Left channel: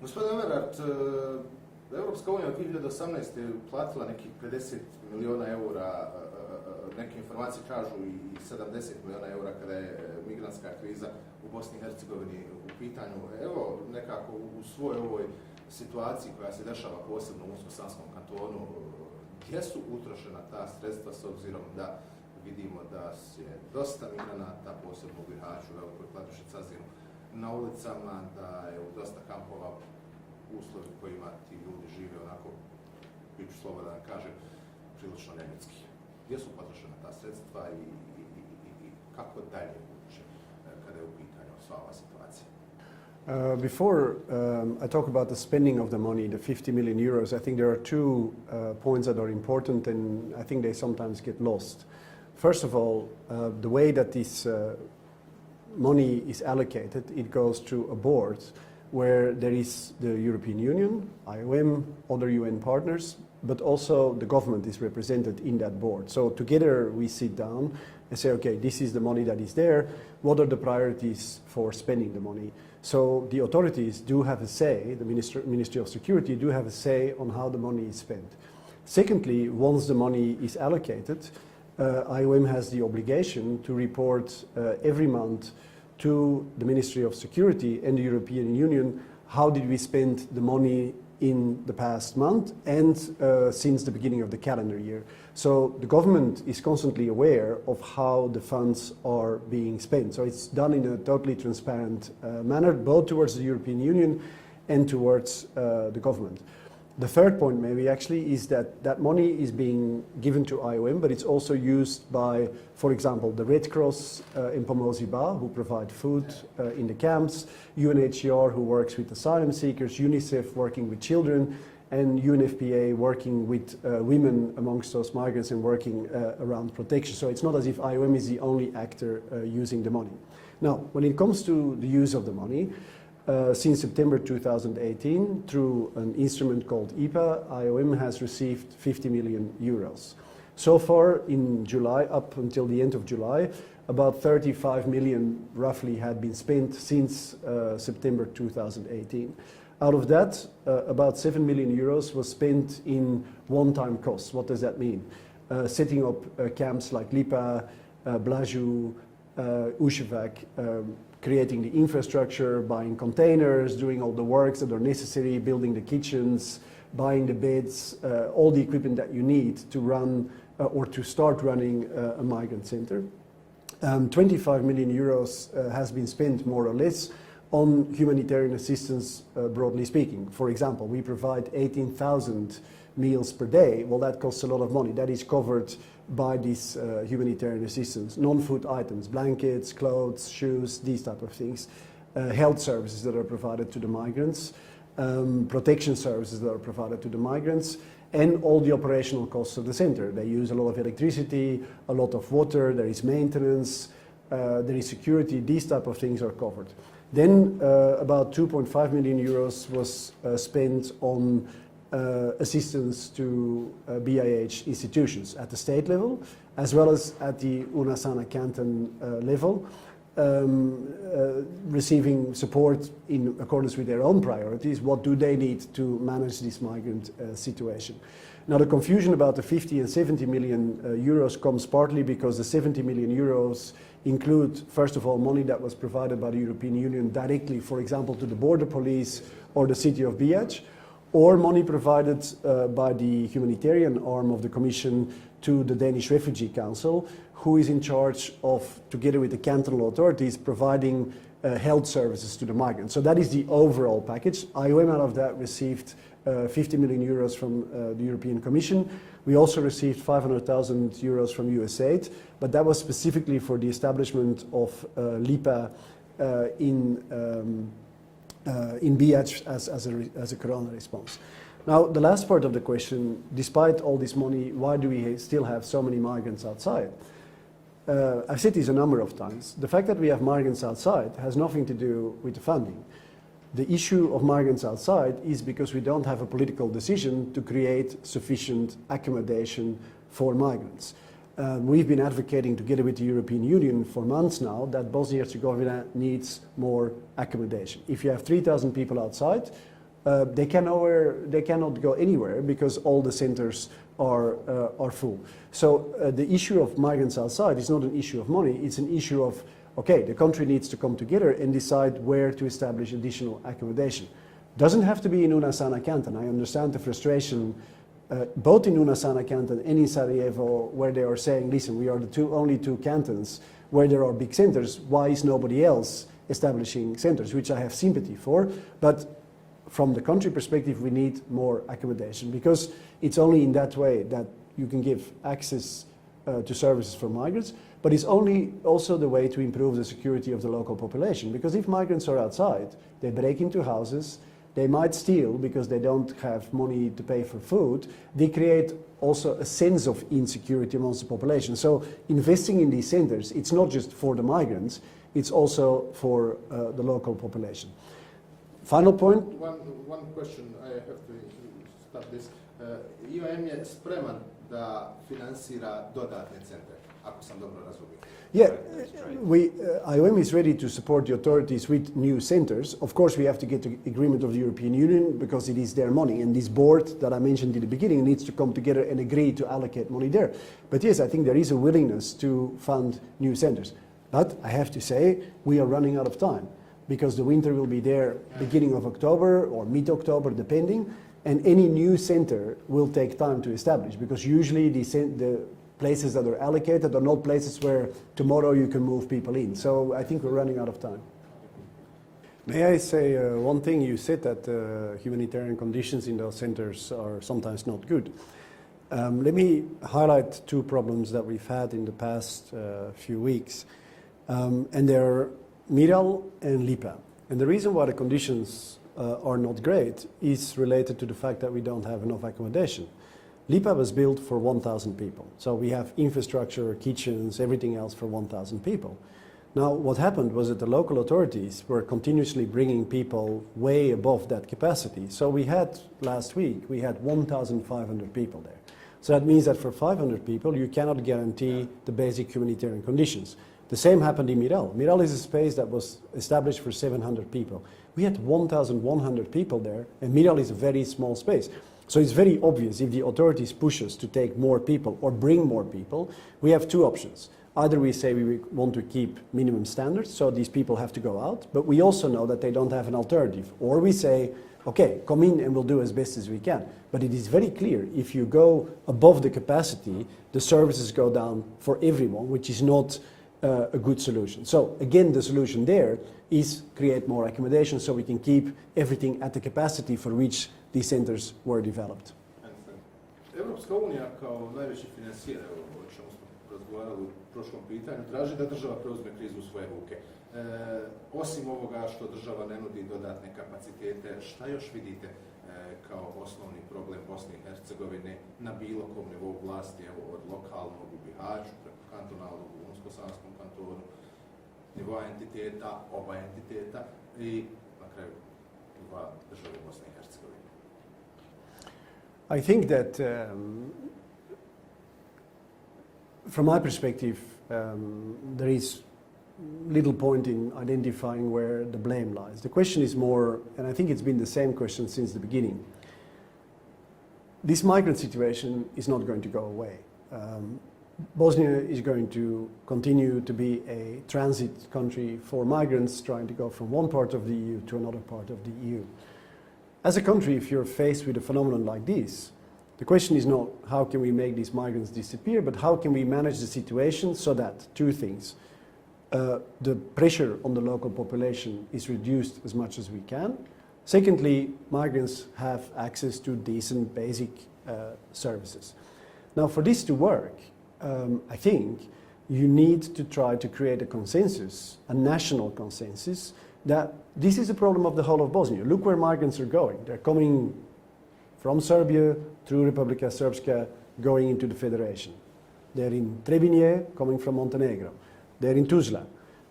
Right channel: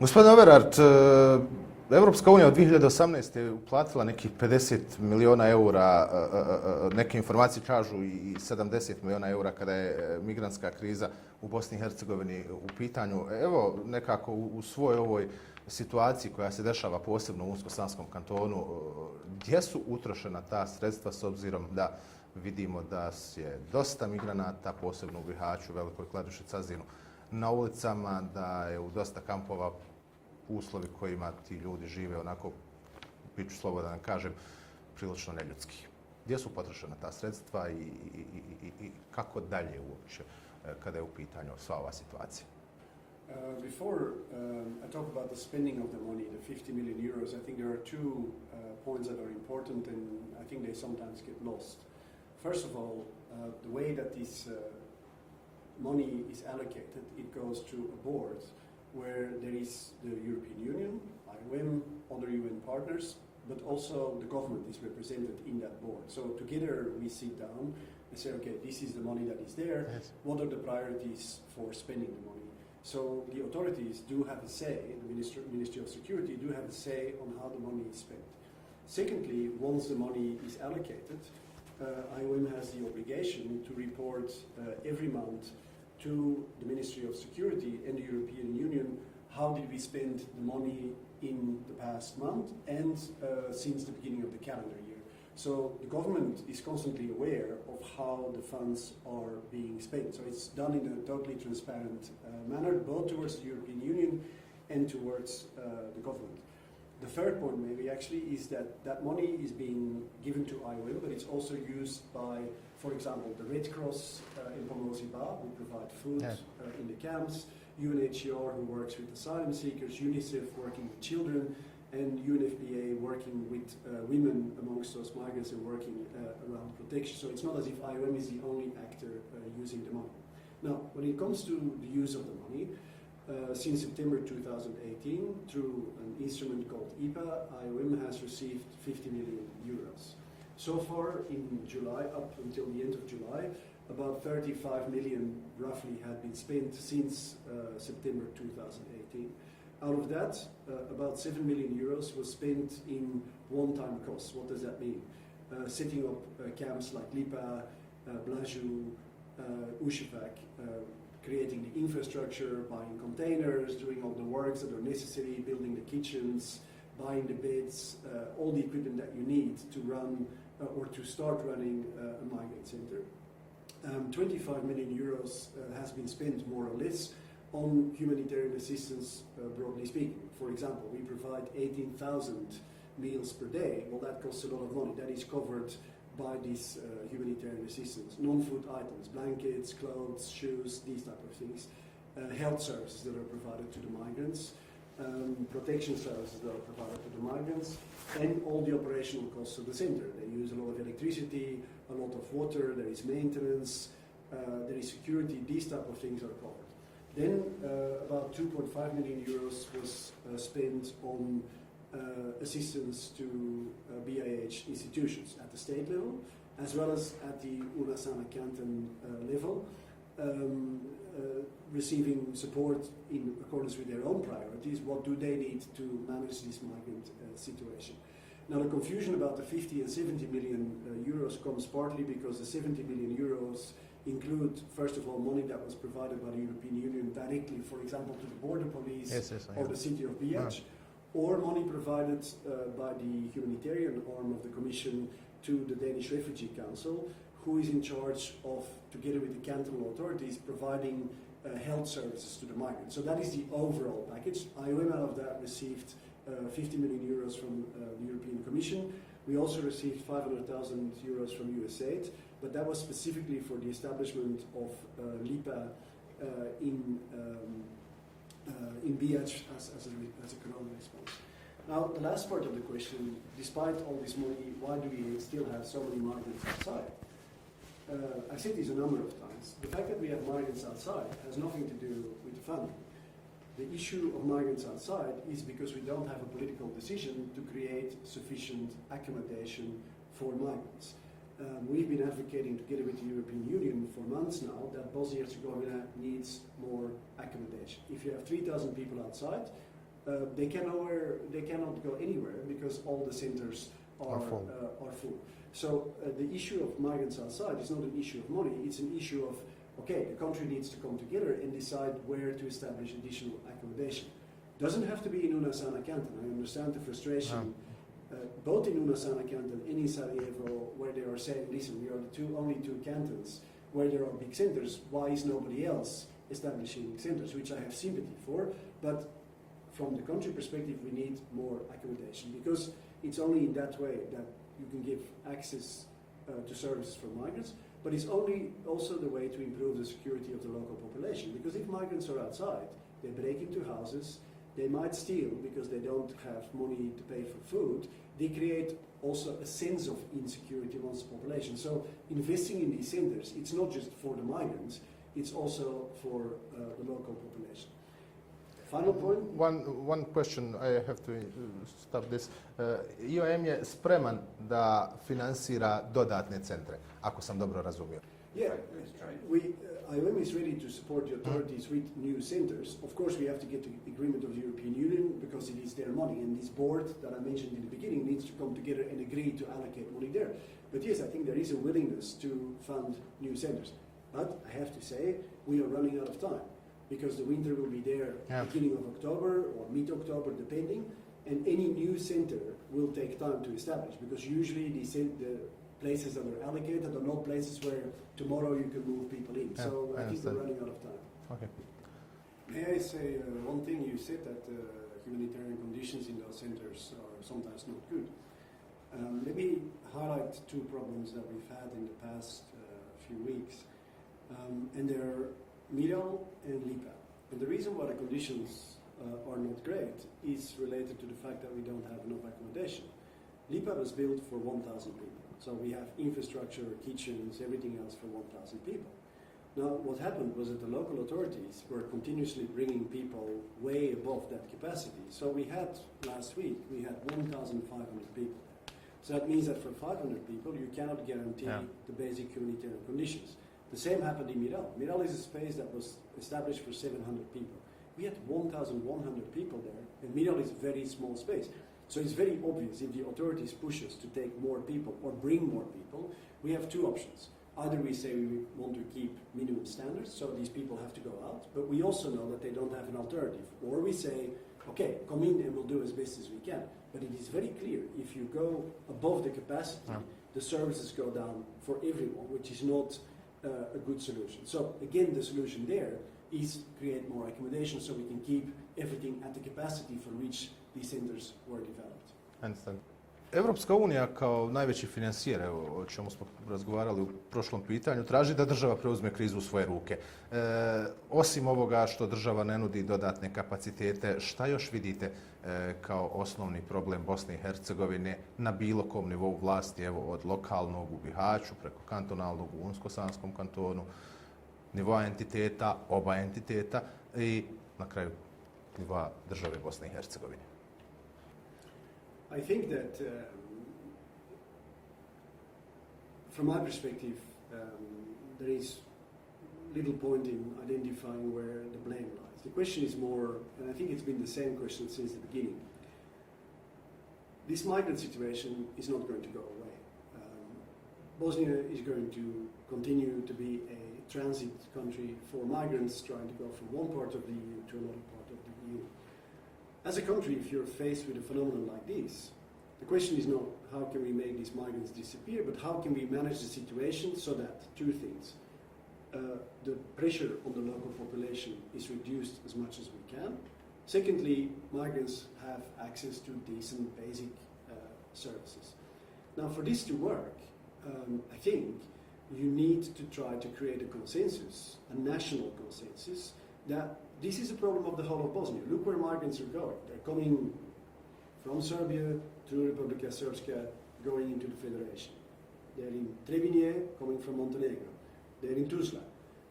Gospodin Auweraert, Evropska unija od 2018. je uplatila nekih 50 milijuna eura, neke informacije kažu i 70 milijuna eura kada je migrantska kriza u Bosni i Hercegovini u pitanju. Evo, nekako u svojoj ovoj situaciji koja se dešava posebno u Unsko-Sanskom kantonu, gdje su utrošena ta sredstva s obzirom da vidimo da je dosta migranata, posebno u Bihaću, Velikoj Kladuši, Cazinu, na ulicama, da je u dosta kampova uslovi kojima ti ljudi žive, onako, bit ću slobodan da kažem, prilično neljudski. Gdje su potrošena ta sredstva i kako dalje uopće kada je u pitanju sva ova situacija? Before I talk about the spending of the money, the 50 million euros, I think there are two points that are important and I think they sometimes get lost. First of all, the way that this money is allocated, it goes to a board where there is the European Union, IOM, other UN partners, but also the government is represented in that board. So together we sit down and say, okay, this is the money that is there. What are the priorities for spending the money? So the authorities do have a say, the Ministry of Security do have a say on how the money is spent. Secondly, once the money is allocated, IOM has the obligation to report every month to the Ministry of Security and the European Union how did we spend the money in the past month and since the beginning of the calendar year. So the government is constantly aware of how the funds are being spent. So it's done in a totally transparent manner, both towards the European Union and towards the government. The third point maybe actually is that that money is being given to IOM, but it's also used by, for example, the Red Cross in Pomozi Ba, who provide food in the camps, UNHCR, who works with asylum seekers, UNICEF working with children, and UNFPA working with women amongst those migrants and working around protection. So it's not as if IOM is the only actor using the money. Now, when it comes to the use of the money, since September 2018, through an instrument called IPA, IOM has received 50 million euros. So far in July, up until the end of July, about 35 million roughly had been spent since September 2018. Out of that, about 7 million euros was spent in one-time costs. What does that mean? Setting up camps like Lipa, Blaju, Uševac, creating the infrastructure, buying containers, doing all the works that are necessary, building the kitchens, buying the beds, all the equipment that you need to run or to start running a migrant center. 25 million euros has been spent more or less on humanitarian assistance, broadly speaking. For example, we provide 18,000 meals per day. Well, that costs a lot of money. That is covered by this humanitarian assistance. Non-food items, blankets, clothes, shoes, these type of things. Health services that are provided to the migrants, protection services that are provided to the migrants, and all the operational costs of the center. They use a lot of electricity, a lot of water, there is maintenance, there is security, these type of things are covered. Then about 2.5 million euros was spent on assistance to BIH institutions at the state level, as well as at the Unasana canton level, receiving support in accordance with their own priorities. What do they need to manage this migrant situation? Now, the confusion about the 50 and 70 million euros comes partly because the 70 million euros include, first of all, money that was provided by the European Union directly, for example, to the border police or the city of Bihac, or money provided by the humanitarian arm of the Commission to the Danish Refugee Council, who is in charge of, together with the cantonal authorities, providing health services to the migrants. So that is the overall package. IOM out of that received 50 million euros from the European Commission. We also received 500,000 euros from USAID, but that was specifically for the establishment of LIPA in Bihac as a corona response. Now, the last part of the question, despite all this money, why do we still have so many migrants outside? I've said this a number of times. The fact that we have migrants outside has nothing to do with the funding. The issue of migrants outside is because we don't have a political decision to create sufficient accommodation for migrants. We've been advocating together with the European Union for months now that Bosnia and Herzegovina needs more accommodation. If you have 3,000 people outside, they cannot go anywhere because all the centers are full. So the issue of migrants outside is not an issue of money, it's an issue of, okay, the country needs to come together and decide where to establish additional accommodation. Doesn't have to be in Unasana canton. I understand the frustration both in Unasana canton and in Sarajevo, where they are saying, listen, we are the only two cantons where there are big centers. Why is nobody else establishing centers? Which I have sympathy for. But from the country perspective, we need more accommodation, because it's only in that way that you can give access to services for migrants, but it's only also the way to improve the security of the local population. Because if migrants are outside, they break into houses, they might steal because they don't have money to pay for food, they create also a sense of insecurity amongst the population. So investing in these centers, it's not just for the migrants, it's also for the local population. Final point. One question, I have to stop this. IOM je spreman da finansira dodatne centre, ako sam dobro razumio. Yeah, IOM is ready to support the authorities with new centers. Of course, we have to get the agreement of the European Union because it is their money, and this board that I mentioned in the beginning needs to come together and agree to allocate money there. But yes, I think there is a willingness to fund new centers. But I have to say, we are running out of time, because the winter will be there beginning of October or mid-October, depending, and any new center will take time to establish, because usually the places that are allocated are not places where tomorrow you can move people in. So I think we're running out of time. Okay. May I say one thing? You said that humanitarian conditions in those centers are sometimes not good. Let me highlight two problems that we've had in the past few weeks, and they're Miral and Lipa. And the reason why the conditions are not great is related to the fact that we don't have enough accommodation. Lipa was built for 1,000 people. So we have infrastructure, kitchens, everything else for 1,000 people. Now, what happened was that the local authorities were continuously bringing people way above that capacity. So we had, last week, we had 1,500 people there. So that means that for 500 people, you cannot guarantee the basic humanitarian conditions. The same happened in Miral. Miral is a space that was established for 700 people. We had 1,100 people there, and Miral is a very small space. So it's very obvious, if the authorities push us to take more people or bring more people, we have two options. Either we say we want to keep minimum standards, so these people have to go out, but we also know that they don't have an alternative. Or we say, okay, come in and we'll do as best as we can. But it is very clear, if you go above the capacity, the services go down for everyone, which is not a good solution. So again, the solution there is create more accommodation so we can keep everything at the capacity for which these centers were developed. Evropska unija kao najveći financijer, o čemu smo razgovarali u prošlom pitanju, traži da država preuzme krizu u svoje ruke. Osim ovoga što država ne nudi dodatne kapacitete, šta još vidite kao osnovni problem Bosne i Hercegovine na bilo kom nivou vlasti, evo od lokalnog u Bihaću, preko kantonalnog u Unsko-Sanskom kantonu, nivoa entiteta, oba entiteta i na kraju nivoa države Bosne i Hercegovine? I think that from my perspective, there is little point in identifying where the blame lies. The question is more, and I think it's been the same question since the beginning. This migrant situation is not going to go away. Bosnia is going to continue to be a transit country for migrants trying to go from one part of the EU to another part of the EU. As a country, if you're faced with a phenomenon like this, the question is not how can we make these migrants disappear, but how can we manage the situation so that two things. The pressure on the local population is reduced as much as we can. Secondly, migrants have access to decent basic services. Now, for this to work, I think you need to try to create a consensus, a national consensus, that this is a problem of the whole of Bosnia. Look where migrants are going. They're coming from Serbia through Republika Srpska, going into the Federation. They're in Trebinje, coming from Montenegro. They're in Tuzla.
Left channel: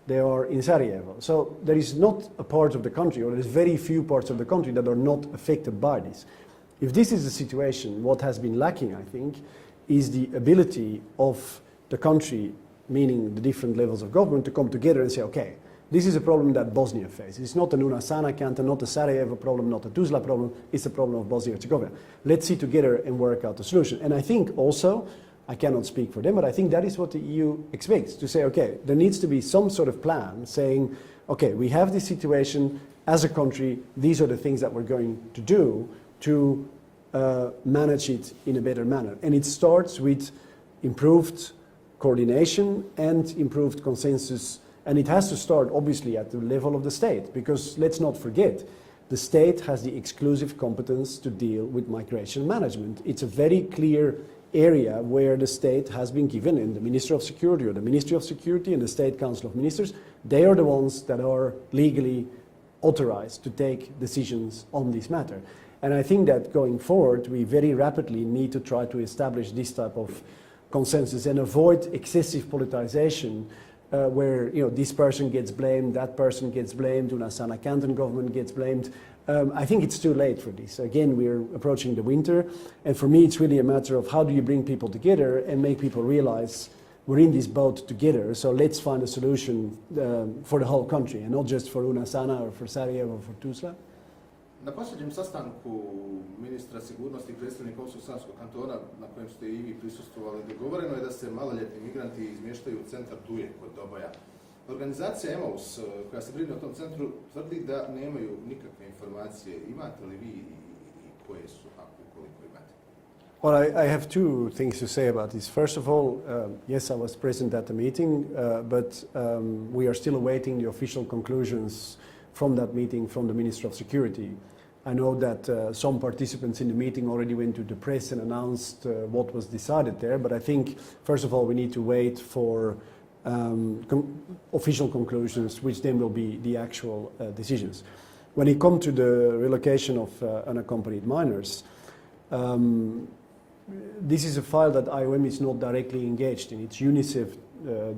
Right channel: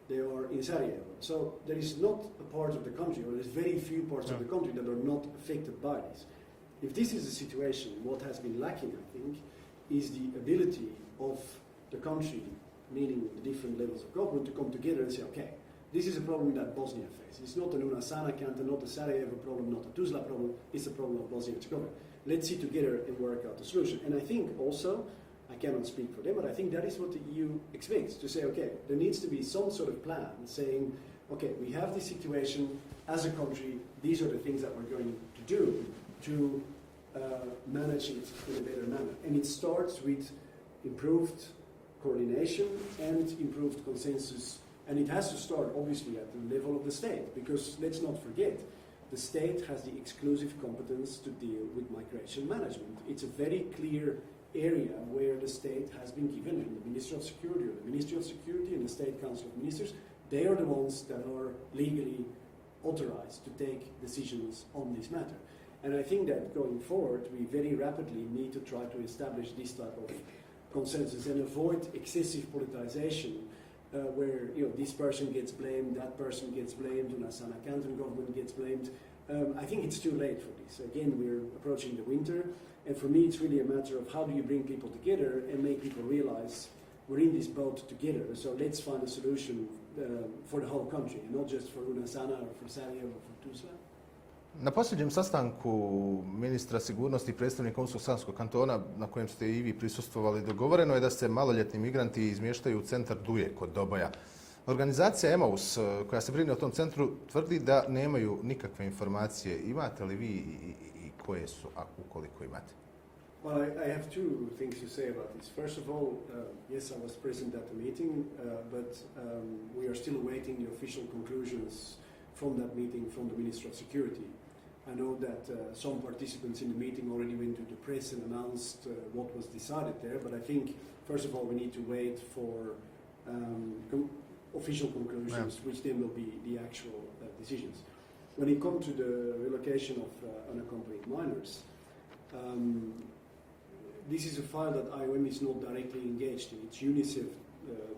They are in Sarajevo. So there is not a part of the country, or there is very few parts of the country that are not affected by this. If this is the situation, what has been lacking, I think, is the ability of the country, meaning the different levels of government, to come together and say, okay, This is a problem that Bosnia faces. It's not a Nunasana canton, not a Sarajevo problem, not a Tuzla problem. It's a problem of Bosnia and Herzegovina. Let's sit together and work out a solution. And I think also, I cannot speak for them, but I think that is what the EU expects, to say, okay, there needs to be some sort of plan saying, okay, we have this situation as a country, these are the things that we're going to do to manage it in a better manner. And it starts with improved coordination and improved consensus. And it has to start, obviously, at the level of the state, because let's not forget, the state has the exclusive competence to deal with migration management. It's a very clear area where the state has been given, and the Minister of Security or the Ministry of Security and the State Council of Ministers, they are the ones that are legally authorized to take decisions on this matter. And I think that going forward, we very rapidly need to try to establish this type of consensus and avoid excessive politicization where this person gets blamed, that person gets blamed, Unasana Canton government gets blamed. I think it's too late for this. Again, we're approaching the winter, and for me it's really a matter of how do you bring people together and make people realize we're in this boat together, so let's find a solution for the whole country, and not just for Unasana or for Sarajevo or for Tuzla. Na posljednjem sastanku ministra sigurnosti i predstavnika Unsko-Sanskog kantona, na kojem ste i vi prisustvovali, dogovoreno je da se maloljetni migranti izmještaju u centar Duje kod Doboja. Organizacija Emaus, koja se brine o tom centru, tvrdi da nemaju nikakve informacije. Imate li vi i koje su, a ukoliko imate? Well, I have two things to say about this. First of all, yes, I was present at the meeting, but we are still awaiting the official conclusions from that meeting from the Minister of Security. I know that some participants in the meeting already went to the press and announced what was decided there, but I think, first of all, we need to wait for official conclusions, which then will be the actual decisions. When it comes to the relocation of unaccompanied minors, this is a file that IOM is not directly engaged in. It's UNICEF,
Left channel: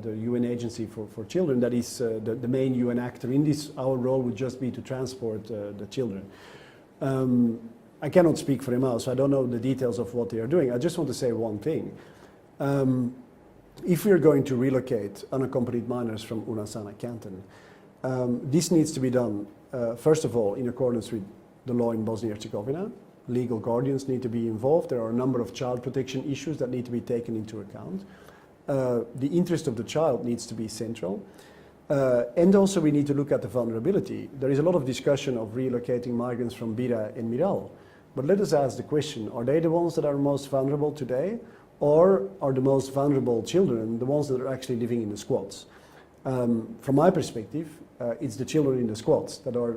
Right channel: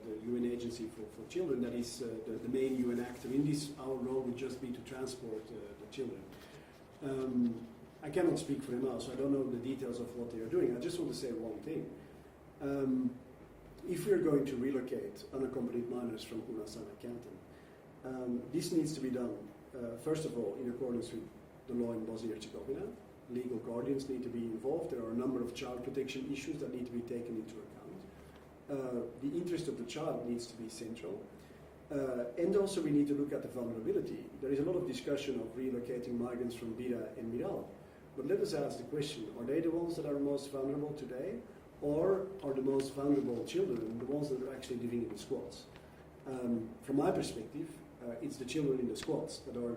the UN agency for children, that is the main UN actor in this. Our role would just be to transport the children. I cannot speak for Emmaus, so I don't know the details of what they are doing. I just want to say one thing. If we are going to relocate unaccompanied minors from Unasana Canton, this needs to be done, first of all, in accordance with the law in Bosnia and Herzegovina. Legal guardians need to be involved. There are a number of child protection issues that need to be taken into account. The interest of the child needs to be central. And also we need to look at the vulnerability. There is a lot of discussion of relocating migrants from Bira and Miral. But let us ask the question, are they the ones that are most vulnerable today? Or are the most vulnerable children the ones that are actually living in the squats? From my perspective, it's the children in the squats that are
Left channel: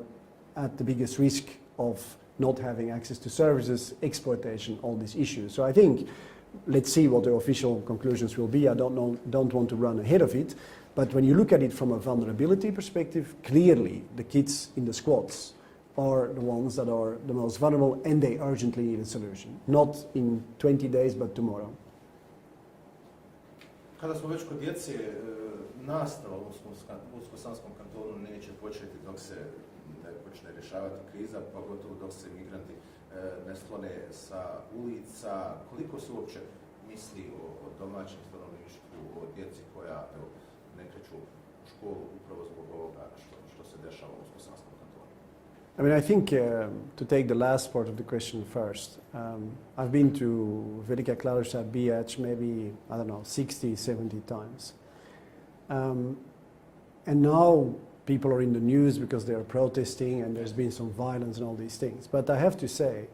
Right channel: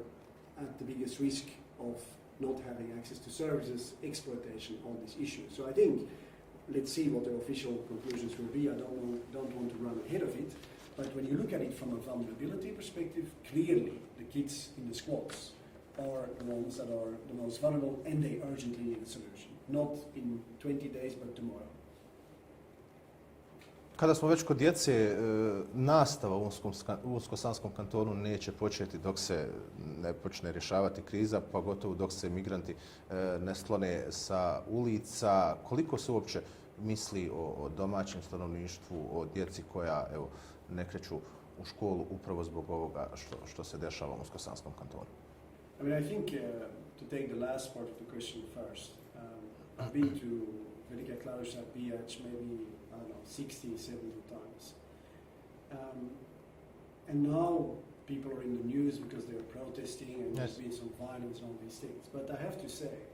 at the biggest risk of not having access to services, exploitation, all these issues. So I think, let's see what the official conclusions will be. I don't want to run ahead of it. But when you look at it from a vulnerability perspective, clearly the kids in the squats are the ones that are the most vulnerable, and they urgently need a solution. Not in 20 days, but tomorrow. Kada smo već kod djece, nastava u Unsko-Sanskom kantonu neće početi dok se ne počne rješavati kriza, pogotovo dok se migranti ne sklone sa ulica. Koliko se uopće misli o domaćem stanovništvu, o djeci koja ne kreću u školu upravo zbog ovoga što se dešava u Unsko-Sanskom kantonu? I mean, I think to take the last part of the question first, I've been to Velika Kladuša, Bijač, maybe, I don't know, 60, 70 times. And now people are in the news because they are protesting and there's been some violence and all these things. But I have to say,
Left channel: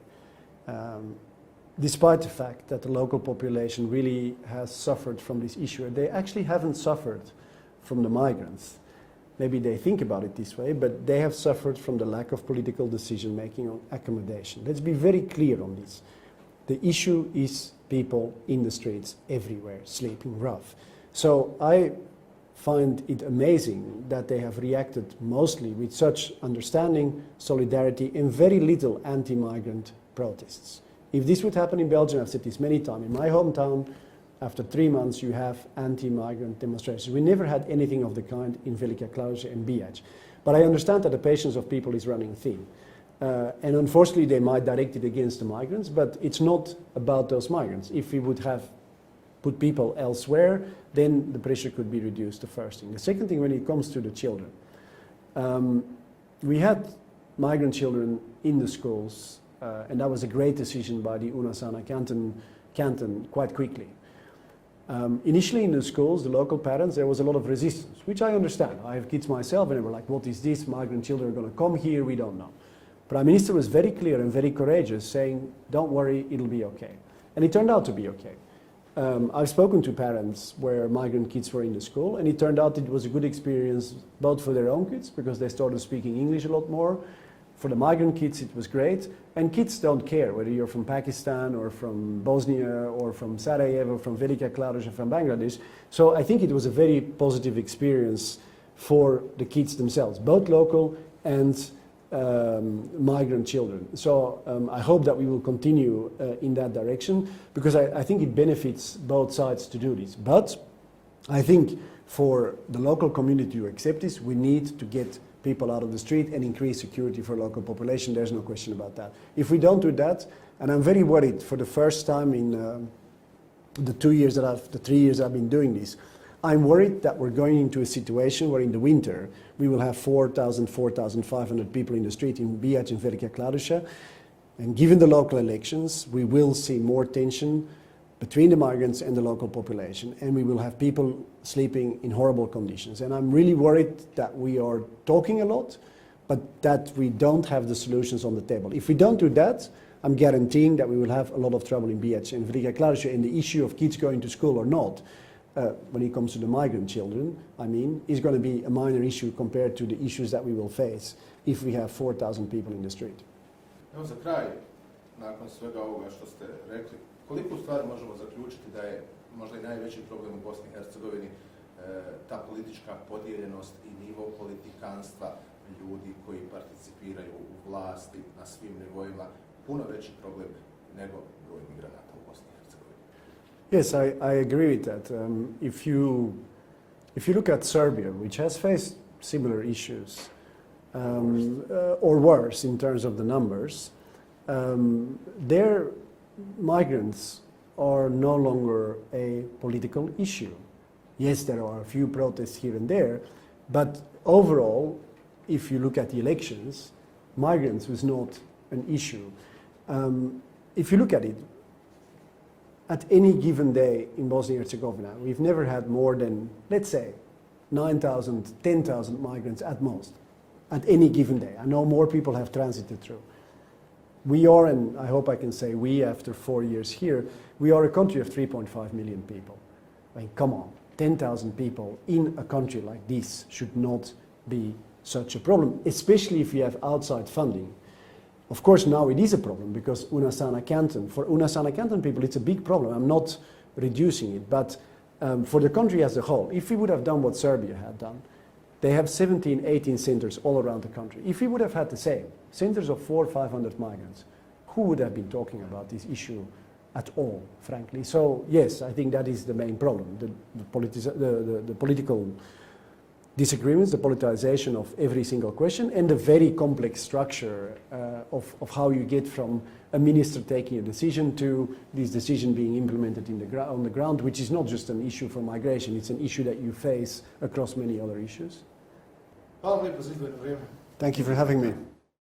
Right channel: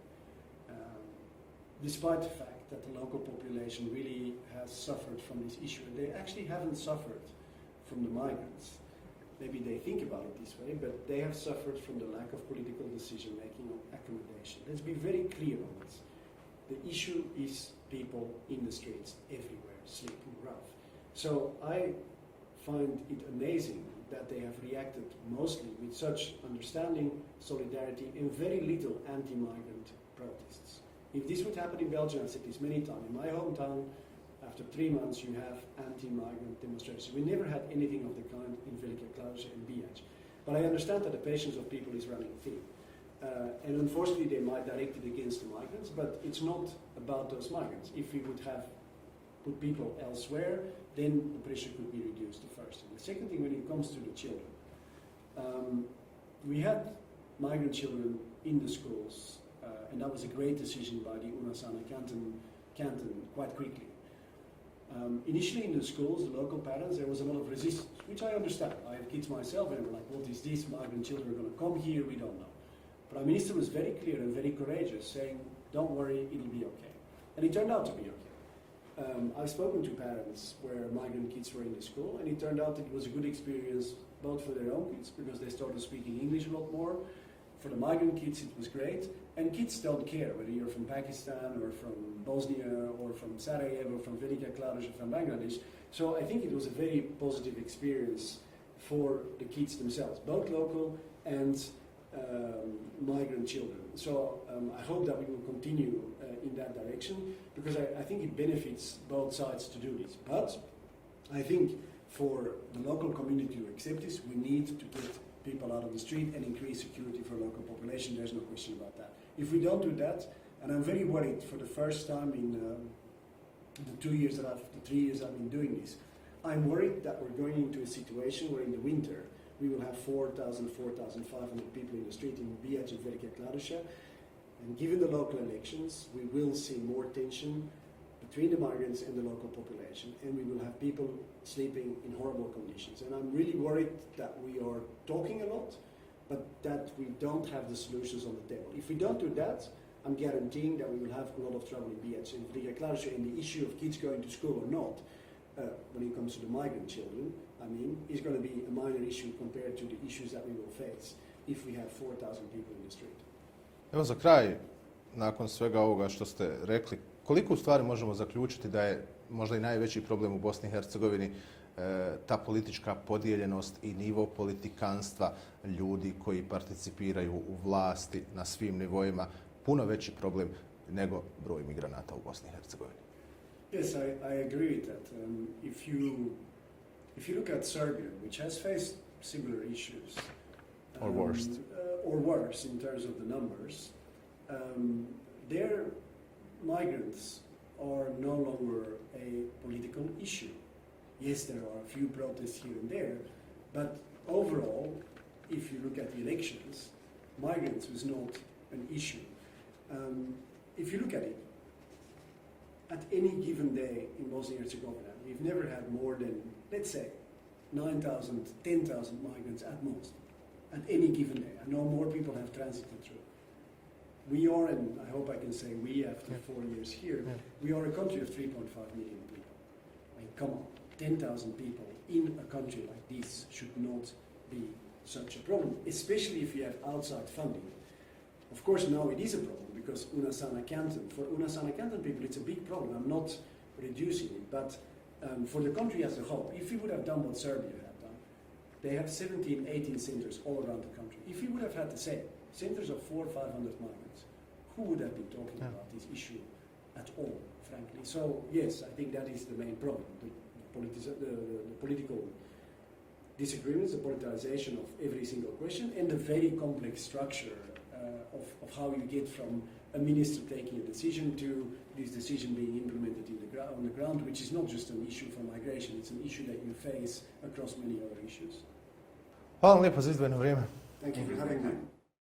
despite the fact that the local population really has suffered from this issue, they actually haven't suffered from the migrants. Maybe they think about it this way, but they have suffered from the lack of political decision-making on accommodation. Let's be very clear on this. The issue is people in the streets everywhere, sleeping rough. So I find it amazing that they have reacted mostly with such understanding, solidarity, and very little anti-migrant protests. If this would happen in Belgium, I've said this many times, in my hometown, after 3 months, you have anti-migrant demonstrations. We never had anything of the kind in Velika Kladuša and Bijač. But I understand that the patience of people is running thin. And unfortunately, they might direct it against the migrants, but it's not about those migrants. If we would have put people elsewhere, then the pressure could be reduced, the first thing. The second thing, when it comes to the children, We had migrant children in the schools, and that was a great decision by the Unasana canton quite quickly. Initially in the schools, the local parents, there was a lot of resistance, which I understand. I have kids myself, and they were like, what is this? Migrant children are going to come here, we don't know. Prime Minister was very clear and very courageous, saying, don't worry, it'll be okay. And it turned out to be okay. I've spoken to parents where migrant kids were in the school, and it turned out it was a good experience both for their own kids, because they started speaking English a lot more. For the migrant kids, it was great. And kids don't care whether you're from Pakistan or from Bosnia or from Sarajevo, from Velika Kladuša, from Bangladesh. So I think it was a very positive experience for the kids themselves, both local and migrant children. So I hope that we will continue in that direction, because I think it benefits both sides to do this. But I think for the local community to accept this, we need to get people out of the street and increase security for local population. There's no question about that. If we don't do that, and I'm very worried for the first time in the 3 years that I've been doing this, I'm worried that we're going into a situation where in the winter we will have 4,000, 4,500 people in the street in Bihać and Velika Kladuša, and given the local elections, we will see more tension between the migrants and the local population, and we will have people sleeping in horrible conditions. And I'm really worried that we are talking a lot, but that we don't have the solutions on the table. If we don't do that, I'm guaranteeing that we will have a lot of trouble in Bihać and Velika Kladuša, and the issue of kids going to school or not, when it comes to the migrant children, I mean, is going to be a minor issue compared to the issues that we will face if we have 4,000 people in the street. Evo za kraj, nakon svega ovoga što ste rekli, koliko u stvari možemo zaključiti da je možda i najveći problem u Bosni i Hercegovini ta politička podijeljenost i nivo politikanstva ljudi koji participiraju u vlasti na svim nivoima, puno veći problem nego broj migranata u Bosni i Hercegovini? Yes, I agree with that. If you look at Serbia, which has faced similar issues, or worse in terms of the numbers, their migrants are no longer a political issue. Yes, there are a few protests here and there, but overall, if you look at the elections, migrants was not an issue. If you look at it, at any given day in Bosnia and Herzegovina, we've never had more than, let's say, 9,000, 10,000 migrants at most, at any given day. I know more people have transited through. We are, and I hope I can say we after 4 years here, we are a country of 3.5 million people. I mean, come on, 10,000 people in a country like this should not be such a problem, especially if you have outside funding. Of course, now it is a problem because Unasana Canton, for Unasana Canton people, it's a big problem. I'm not reducing it, but for the country as a whole, if we would have done what Serbia had done, they have 17, 18 centers all around the country. If we would have had the same, centers of 400 or 500 migrants, who would have been talking about this issue at all, frankly? So, yes, I think that is the main problem, the political disagreements, the politicization of every single question, and the very complex structure of how you get from a minister taking a decision to this decision being implemented on the ground, which is not just an issue for migration, it's an issue that you face across many other issues. Hvala vam lijepo za izdvojeno vrijeme. Thank you for having me.